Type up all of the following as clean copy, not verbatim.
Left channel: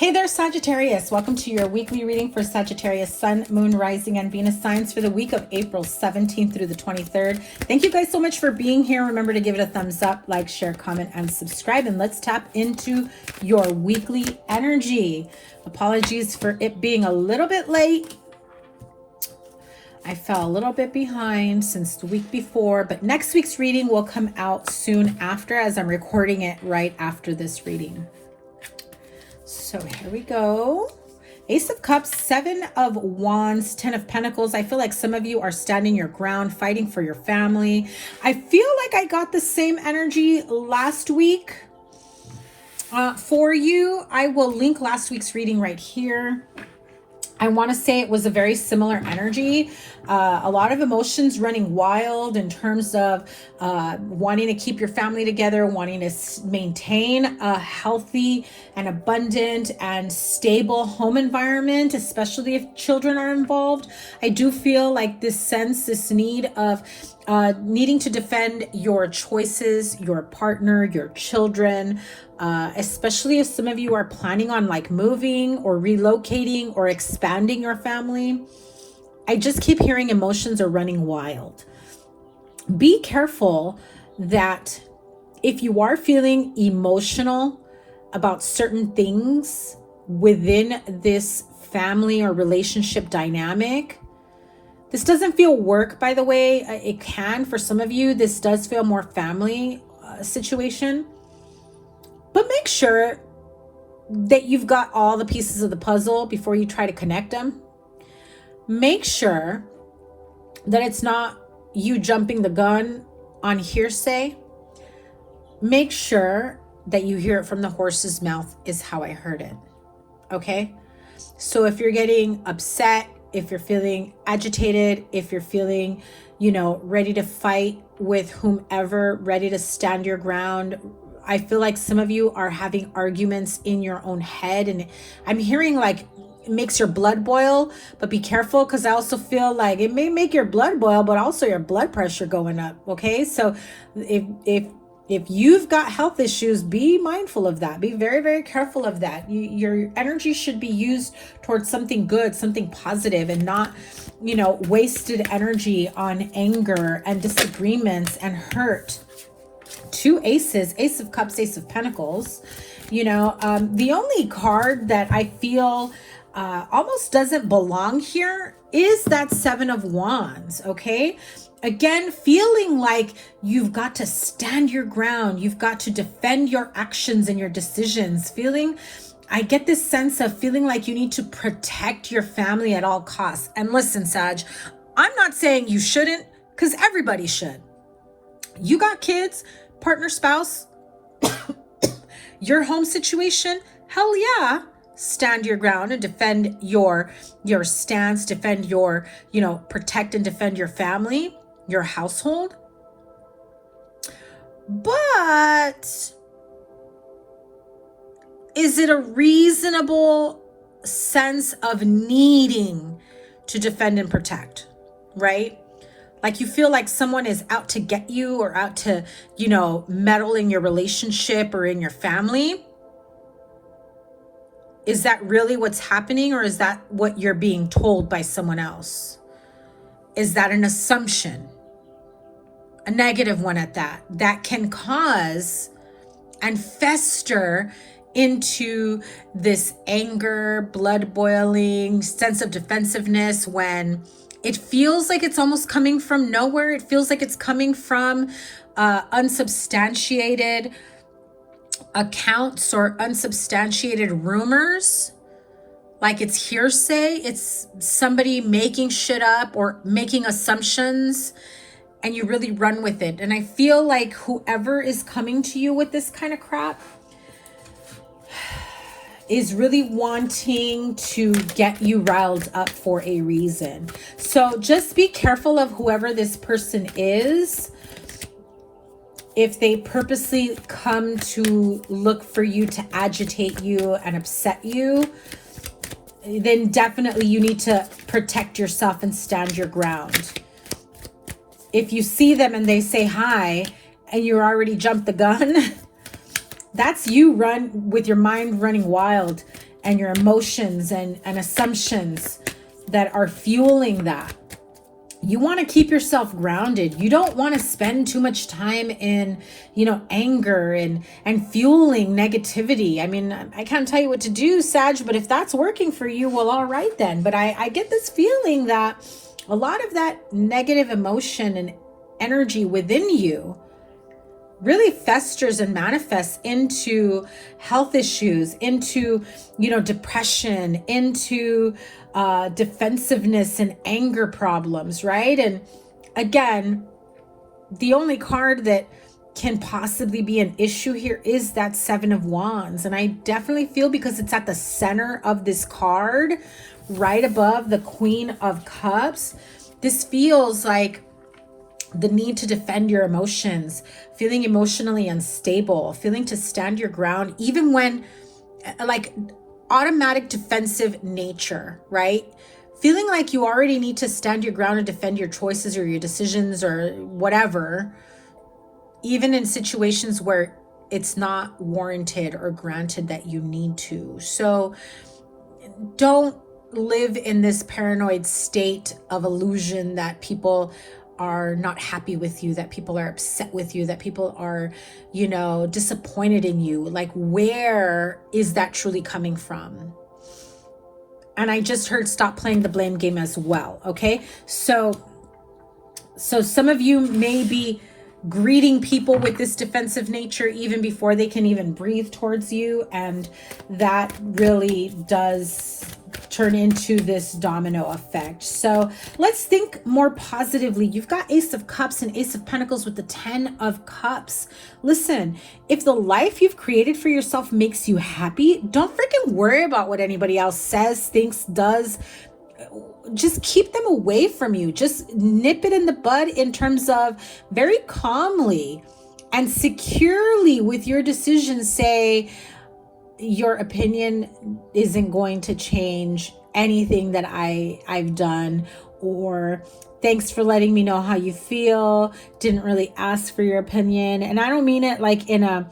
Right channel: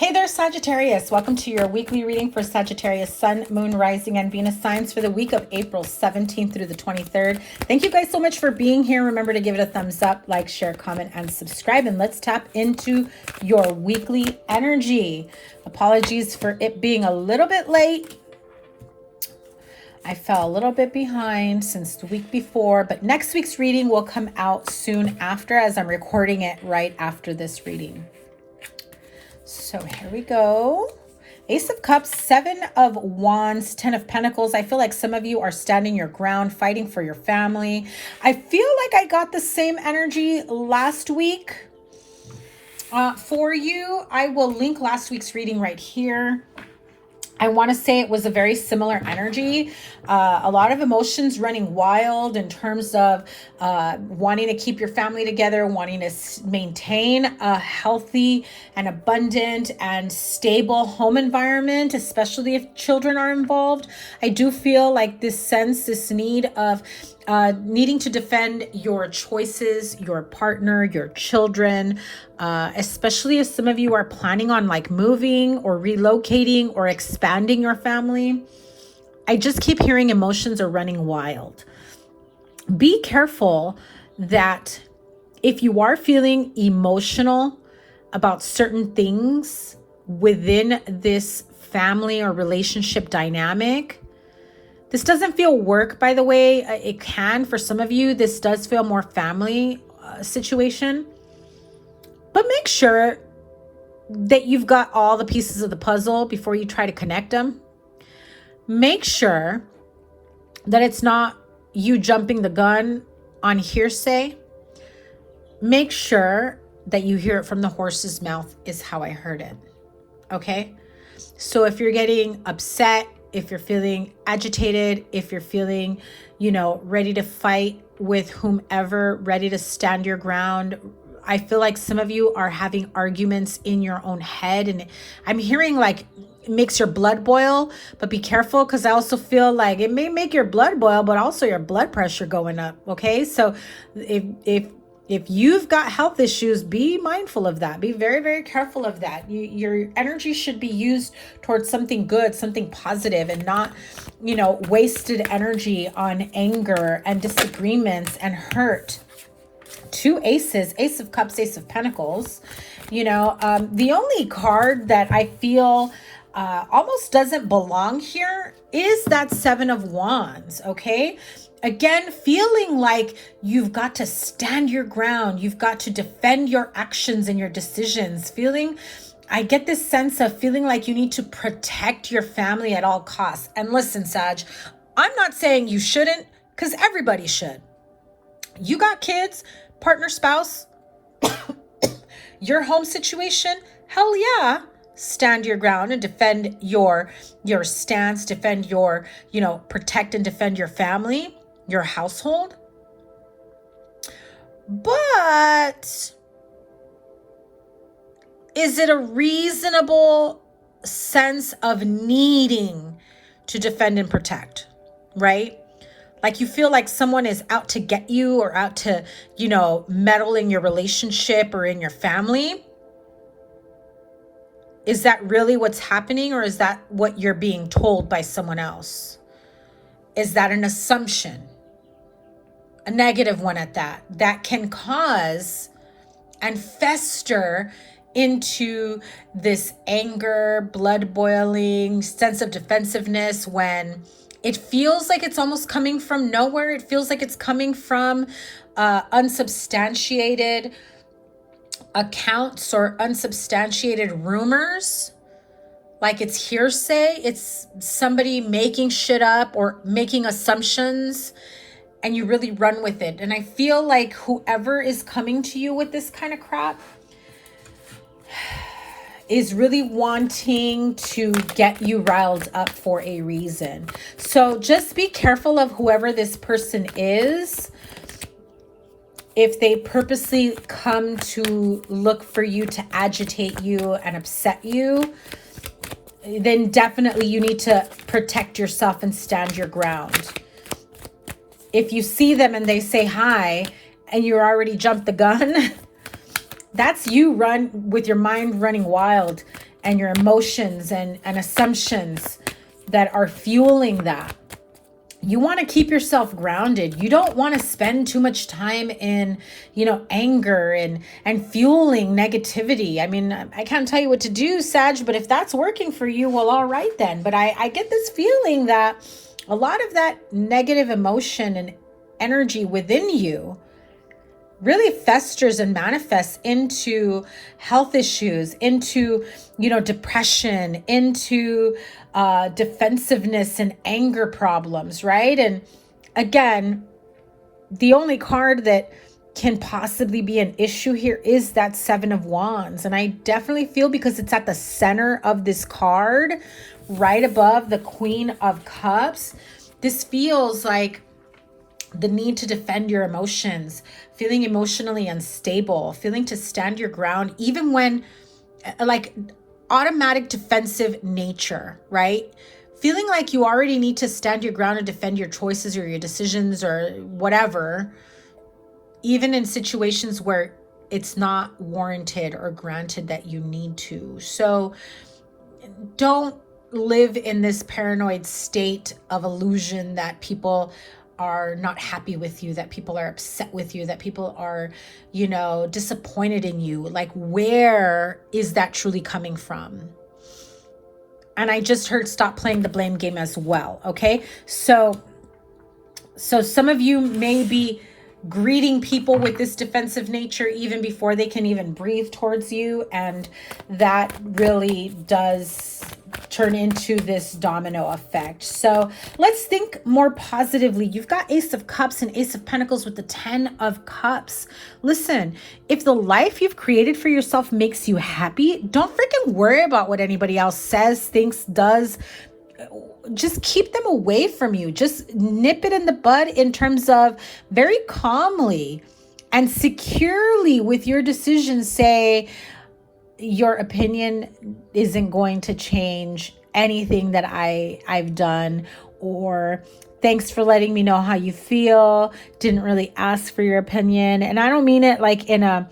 Hey there, Sagittarius. Welcome to your weekly reading for Sagittarius Sun, Moon, Rising, and Venus signs for the week of April 17th through the 23rd. Thank you guys so much for being here. Remember to give it a thumbs up, like, share, comment, and subscribe. And let's tap into your weekly energy. Apologies for it being a little bit late. I fell a little bit behind since the week before, but next week's reading will come out soon after, as I'm recording it right after this reading. So here we go. Ace of Cups, Seven of Wands, Ten of Pentacles. I feel like some of you are standing your ground, fighting for your family. I feel like I got the same energy last week for you. I will link last week's reading right here. I want to say it was a very similar energy. A lot of emotions running wild in terms of wanting to keep your family together, wanting to maintain a healthy and abundant and stable home environment, especially if children are involved. I do feel like this need of needing to defend your choices, your partner, your children, especially if some of you are planning on like moving or relocating or expanding your family. I just keep hearing emotions are running wild. Be careful that if you are feeling emotional about certain things within this family or relationship dynamic. This doesn't feel work, by the way. It can, for some of you, this does feel more family situation. But make sure that you've got all the pieces of the puzzle before you try to connect them. Make sure that it's not you jumping the gun on hearsay. Make sure that you hear it from the horse's mouth is how I heard it. Okay? So if you're getting upset, if you're feeling agitated, if you're feeling, ready to fight with whomever, ready to stand your ground, I feel like some of you are having arguments in your own head, and I'm hearing like it makes your blood boil, but be careful, because I also feel like it may make your blood boil, but also your blood pressure going up. Okay, so if you've got health issues, be mindful of that. Be very, very careful of that. Your energy should be used towards something good, something positive, and not, wasted energy on anger and disagreements and hurt. Two aces, Ace of Cups, Ace of Pentacles. The only card that I feel almost doesn't belong here is that Seven of Wands, okay? Again, feeling like you've got to stand your ground. You've got to defend your actions and your decisions. I get this sense of feeling like you need to protect your family at all costs. And listen, Sag, I'm not saying you shouldn't, because everybody should. You got kids, partner, spouse, your home situation, hell yeah. Stand your ground and defend your stance, defend your, protect and defend your family, your household. But is it a reasonable sense of needing to defend and protect, right? Like you feel like someone is out to get you or out to, meddle in your relationship or in your family. Is that really what's happening, or is that what you're being told by someone else? Is that an assumption? A negative one at that. That can cause and fester into this anger, blood boiling, sense of defensiveness when it feels like it's almost coming from nowhere. It feels like it's coming from unsubstantiated accounts or unsubstantiated rumors. Like it's hearsay. It's somebody making shit up or making assumptions, and you really run with it. And I feel like whoever is coming to you with this kind of crap is really wanting to get you riled up for a reason. So just be careful of whoever this person is. If they purposely come to look for you to agitate you and upset you, then definitely you need to protect yourself and stand your ground. If you see them and they say hi and you already jumped the gun, that's you with your mind running wild and your emotions and assumptions that are fueling that. You want to keep yourself grounded. You don't want to spend too much time in, you know, anger and fueling negativity. I mean, I can't tell you what to do, Sag, but if that's working for you, well, all right then. But I get this feeling that a lot of that negative emotion and energy within you really festers and manifests into health issues, into, you know, depression, into defensiveness and anger problems, right? And again, the only card that can possibly be an issue here is that Seven of Wands. And I definitely feel, because it's at the center of this card, right above the Queen of Cups, this feels like the need to defend your emotions, feeling emotionally unstable, feeling to stand your ground, even when, like, automatic defensive nature, right? Feeling like you already need to stand your ground and defend your choices or your decisions or whatever, even in situations where it's not warranted or granted that you need to. So don't live in this paranoid state of illusion that people are not happy with you, that people are upset with you, that people are, you know, disappointed in you. Like, where is that truly coming from? And I just heard stop playing the blame game as well. Okay. So some of you may be greeting people with this defensive nature even before they can even breathe towards you. And that really does turn into this domino effect. So let's think more positively. You've got Ace of Cups and Ace of Pentacles with the 10 of Cups. Listen, if the life you've created for yourself makes you happy, don't freaking worry about what anybody else says, thinks, does. Just keep them away from you. Just nip it in the bud in terms of very calmly and securely with your decisions say, your opinion isn't going to change anything that I've done, or thanks for letting me know how you feel. Didn't really ask for your opinion. And I don't mean it like in an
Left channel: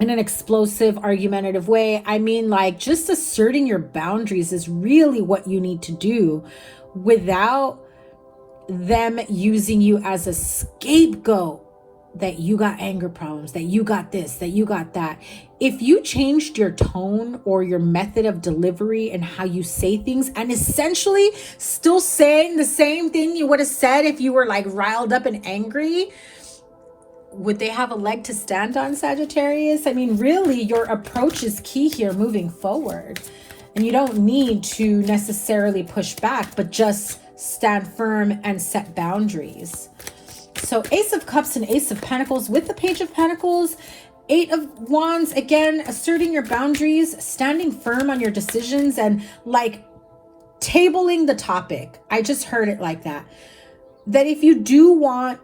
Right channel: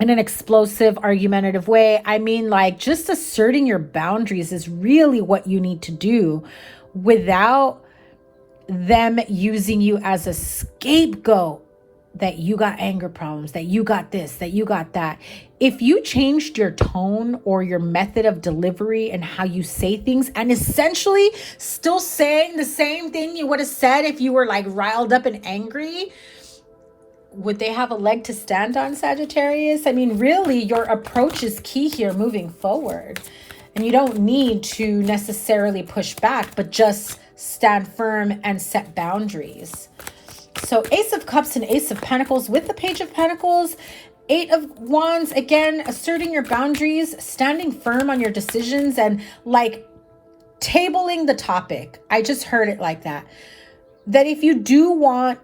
explosive, argumentative way. I mean, like, just asserting your boundaries is really what you need to do without them using you as a scapegoat, that you got anger problems, that you got this, that you got that. If you changed your tone or your method of delivery and how you say things, and essentially still saying the same thing you would have said if you were like riled up and angry, would they have a leg to stand on, Sagittarius? I mean, really, your approach is key here moving forward. And you don't need to necessarily push back, but just stand firm and set boundaries. So Ace of Cups and Ace of Pentacles with the Page of Pentacles, Eight of Wands, again, asserting your boundaries, standing firm on your decisions, and like tabling the topic. I just heard it like that. That if you do want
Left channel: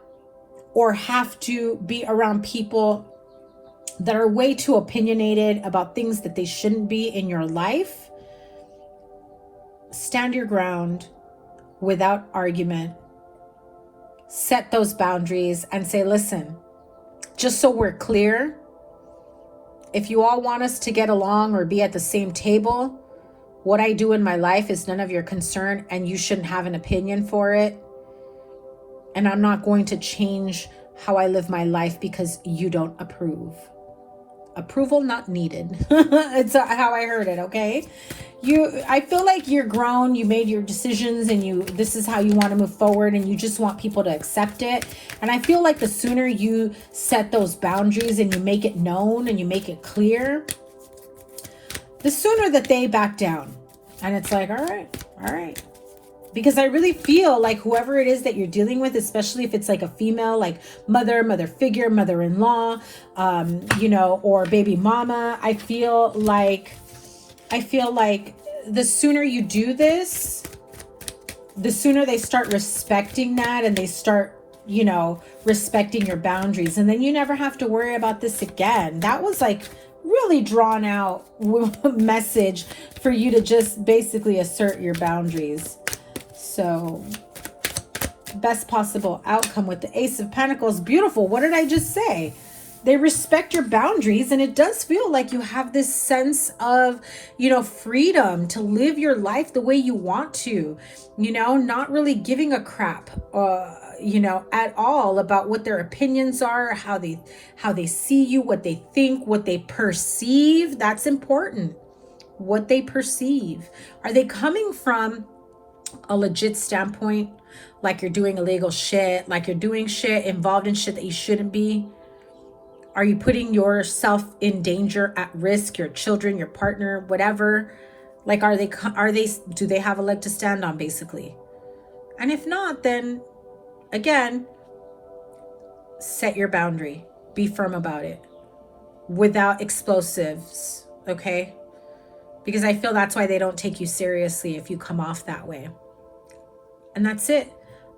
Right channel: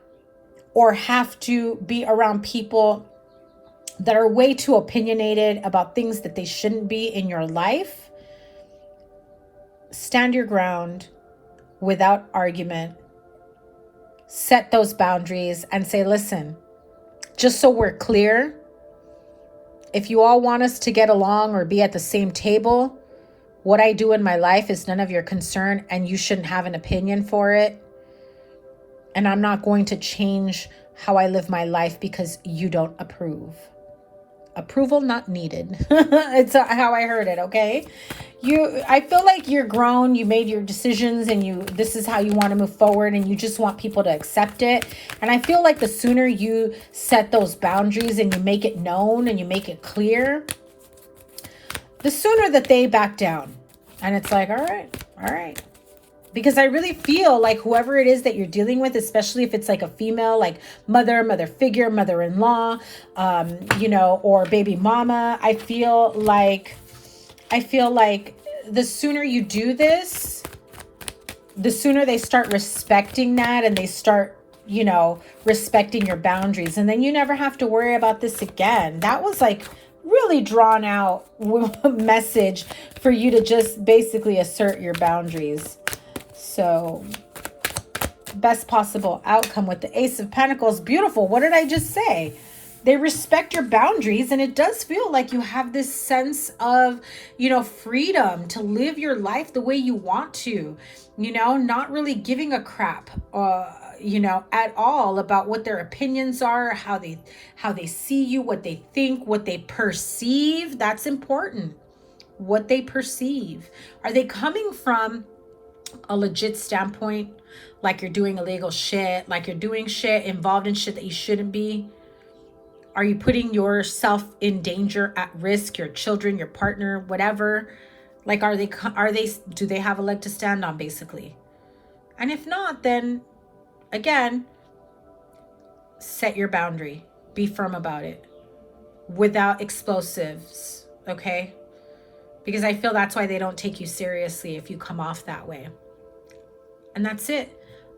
or have to be around people that are way too opinionated about things that they shouldn't be in your life, stand your ground without argument. Set those boundaries and say, listen, just so we're clear, if you all want us to get along or be at the same table, what I do in my life is none of your concern, and you shouldn't have an opinion for it. And I'm not going to change how I live my life because you don't approve. Approval not needed. It's how I heard it, okay? I feel like you're grown, you made your decisions, and this is how you want to move forward, and you just want people to accept it. And I feel like the sooner you set those boundaries and you make it known and you make it clear, the sooner that they back down. And it's like, all right. Because I really feel like whoever it is that you're dealing with, especially if it's like a female, like mother figure, mother-in-law, or baby mama, I feel like the sooner you do this, the sooner they start respecting that, and they start, respecting your boundaries. And then you never have to worry about this again. That was like really drawn out message for you to just basically assert your boundaries. So best possible outcome with the Ace of Pentacles. Beautiful. What did I just say? They respect your boundaries, and it does feel like you have this sense of, you know, freedom to live your life the way you want to, you know, not really giving a crap, you know, at all about what their opinions are, how they see you, what they think, what they perceive. That's important. What they perceive. Are they coming from a legit standpoint? Like you're doing illegal shit, like you're doing shit, involved in shit that you shouldn't be? Are you putting yourself in danger, at risk, your children, your partner, whatever? Like, do they have a leg to stand on, basically? And if not, then again, set your boundary. Be firm about it without explosives, okay? Because I feel that's why they don't take you seriously if you come off that way. And that's it.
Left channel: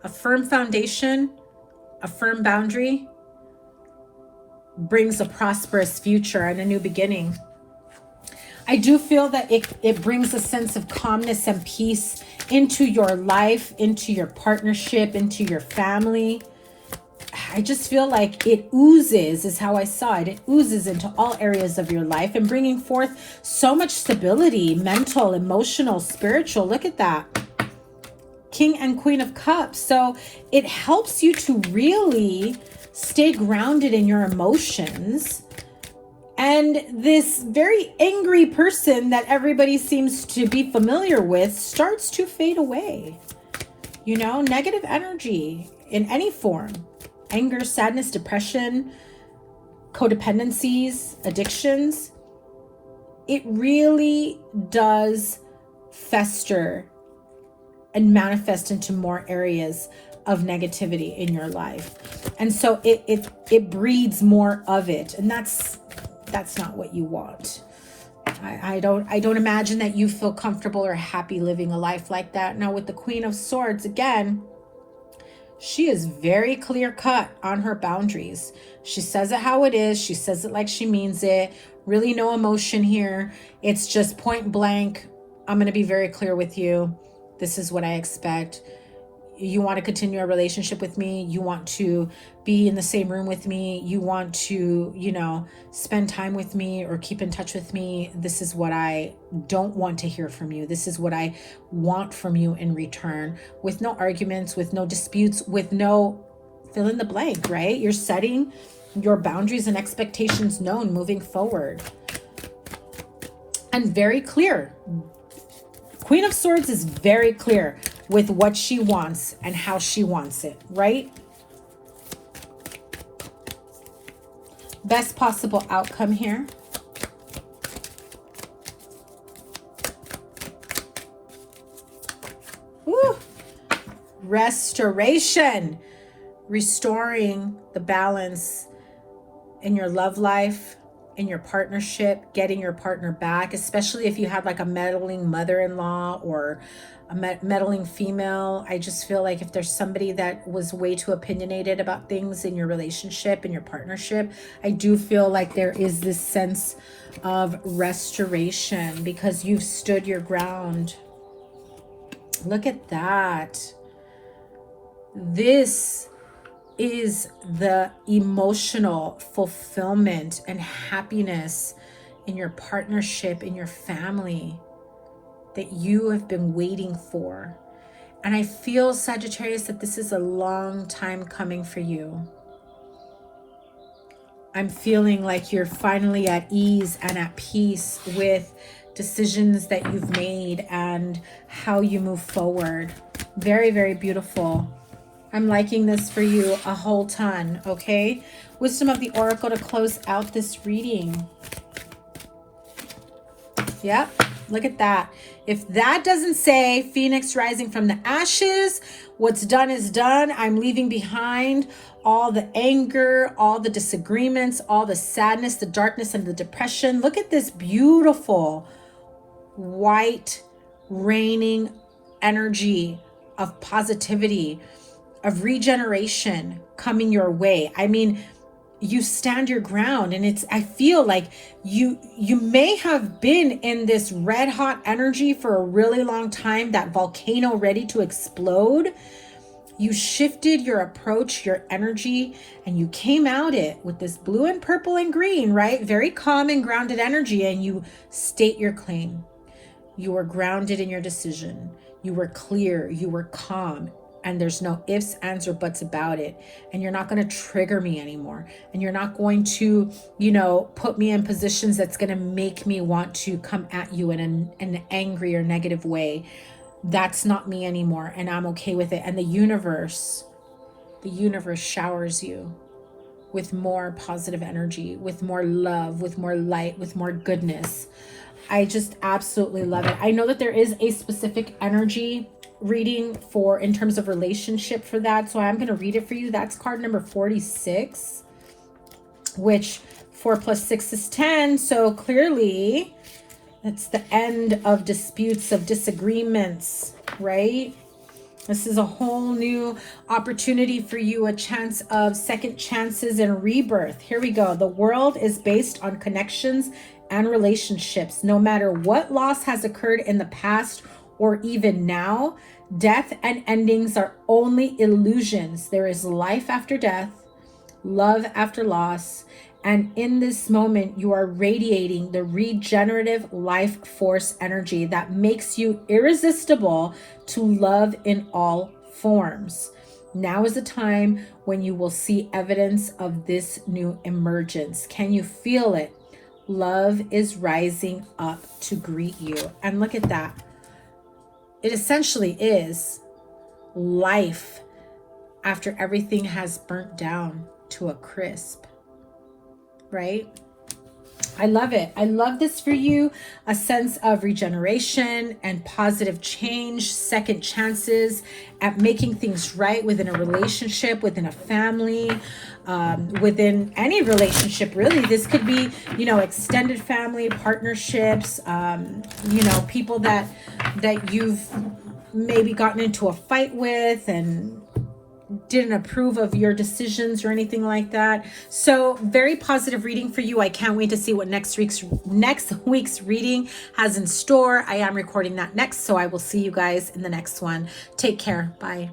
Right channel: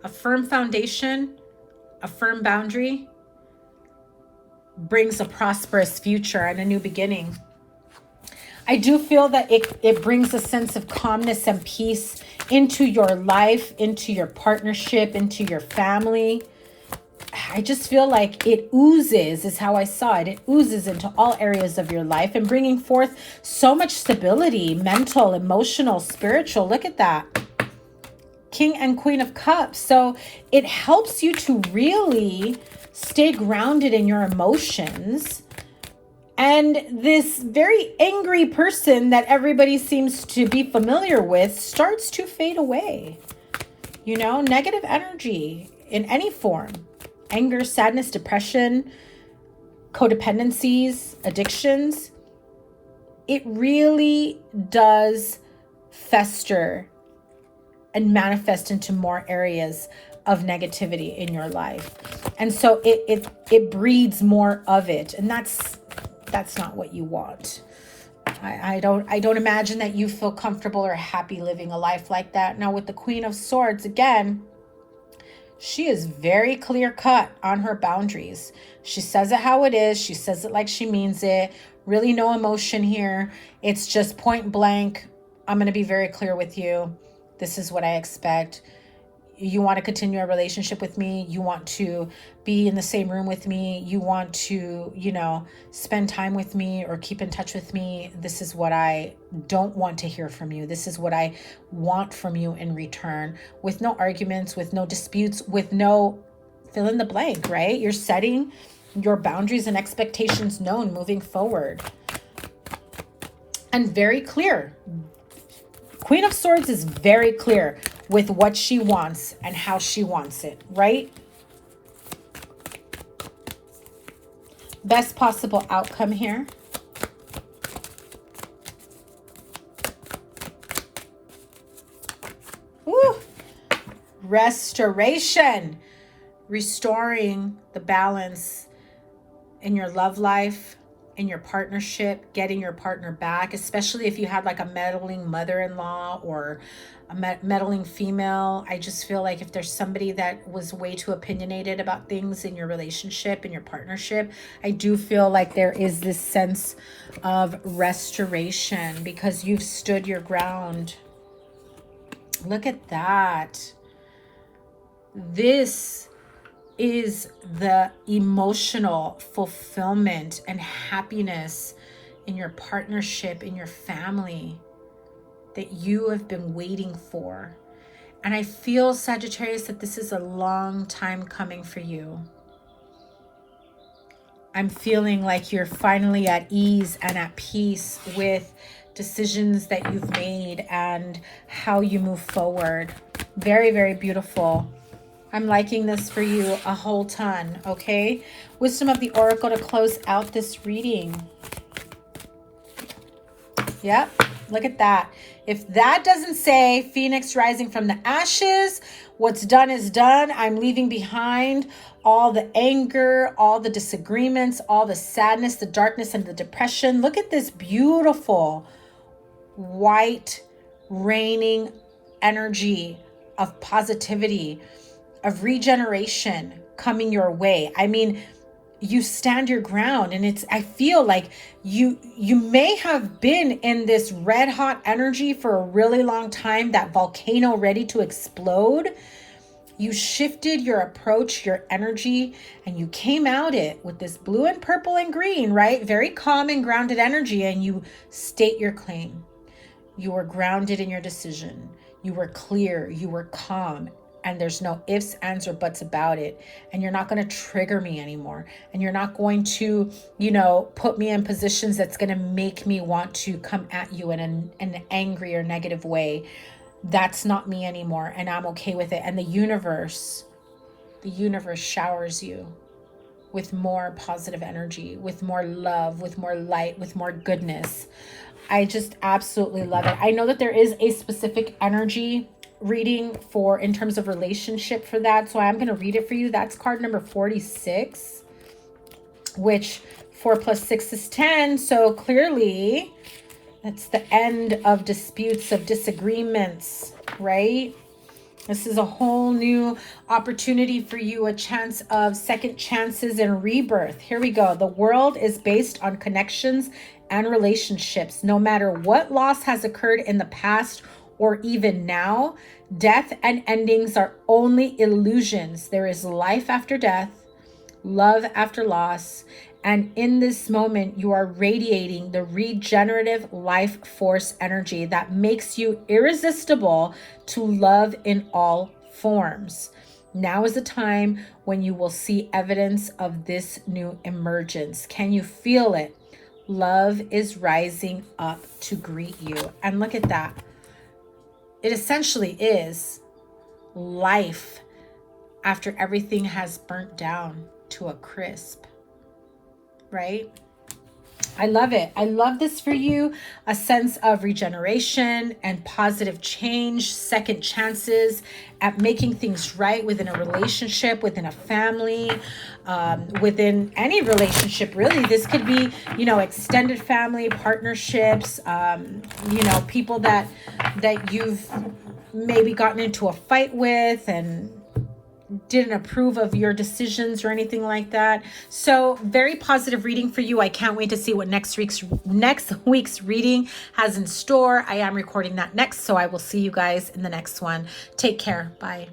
A firm foundation, a firm boundary brings a prosperous future and a new beginning. I do feel that it brings a sense of calmness and peace into your life, into your partnership, into your family. I just feel like it oozes, is how I saw it. It oozes into all areas of your life and bringing forth so much stability, mental, emotional, spiritual. Look at that. King and Queen of Cups. So it helps you to really stay grounded in your emotions. And this very angry person that everybody seems to be familiar with starts to fade away. You know, negative energy in any form. Anger, sadness, depression, codependencies, addictions. It really does fester and manifest into more areas of negativity in your life. And so it breeds more of it. And that's not what you want. I don't imagine that you feel comfortable or happy living a life like that. Now with the Queen of Swords, again, she is very clear cut on her boundaries. She says it how it is. She says it like she means it. Really no emotion here. It's just point blank. I'm going to be very clear with you. This is what I expect. You want to continue a relationship with me. You want to be in the same room with me. You want to, you know, spend time with me or keep in touch with me. This is what I don't want to hear from you. This is what I want from you in return, with no arguments, with no disputes, with no fill in the blank, right? You're setting your boundaries and expectations known moving forward. And very clear. Queen of Swords is very clear with what she wants and how she wants it, right? Best possible outcome here. Woo. Restoration. Restoring the balance in your love life, in your partnership, getting your partner back, especially if you had like a meddling mother-in-law or a meddling female. I just feel like if there's somebody that was way too opinionated about things in your relationship, in your partnership, I do feel like there is this sense of restoration because you've stood your ground. Look at that. This is the emotional fulfillment and happiness in your partnership, in your family, that you have been waiting for. And I feel, Sagittarius, that this is a long time coming for you. I'm feeling like you're finally at ease and at peace with decisions that you've made and how you move forward. Very, very beautiful. I'm liking this for you a whole ton, okay? Wisdom of the Oracle to close out this reading. Yep, look at that. If that doesn't say Phoenix rising from the ashes, what's done is done. I'm leaving behind all the anger, all the disagreements, all the sadness, the darkness, and the depression. Look at this beautiful white raining energy of positivity, of regeneration coming your way. I mean, you stand your ground, and I feel like you may have been in this red hot energy for a really long time, that volcano ready to explode. You shifted your approach, your energy, and you came out it with this blue and purple and green, right? Very calm and grounded energy, and you state your claim. You were grounded in your decision. You were clear, you were calm, and there's no ifs, ands, or buts about it. And you're not going to trigger me anymore. And you're not going to, you know, put me in positions that's going to make me want to come at you in an angry or negative way. That's not me anymore, and I'm okay with it. And the universe showers you with more positive energy, with more love, with more light, with more goodness. I just absolutely love it. I know that there is a specific energy reading for in terms of relationship for that, so I'm going to read it for you. That's card number 46, which 4 plus 6 is 10. So clearly it's the end of disputes, of disagreements, right? This is a whole new opportunity for you, a chance of second chances and rebirth. Here we go. The world is based on connections and relationships. No matter what loss has occurred in the past or even now, death and endings are only illusions. There is life after death, love after loss, and in this moment, you are radiating the regenerative life force energy that makes you irresistible to love in all forms. Now is the time when you will see evidence of this new emergence. Can you feel it? Love is rising up to greet you. And look at that. It essentially is life after everything has burnt down to a crisp. Right? I love it. I love this for you. A sense of regeneration and positive change, second chances at making things right within a relationship, within a family, within any relationship, really. This could be, you know, extended family, partnerships, you know, people that you've maybe gotten into a fight with and didn't approve of your decisions or anything like that. So very positive reading for you. I can't wait to see what next week's reading has in store. I am recording that next, so I will see you guys in the next one. Take care. Bye.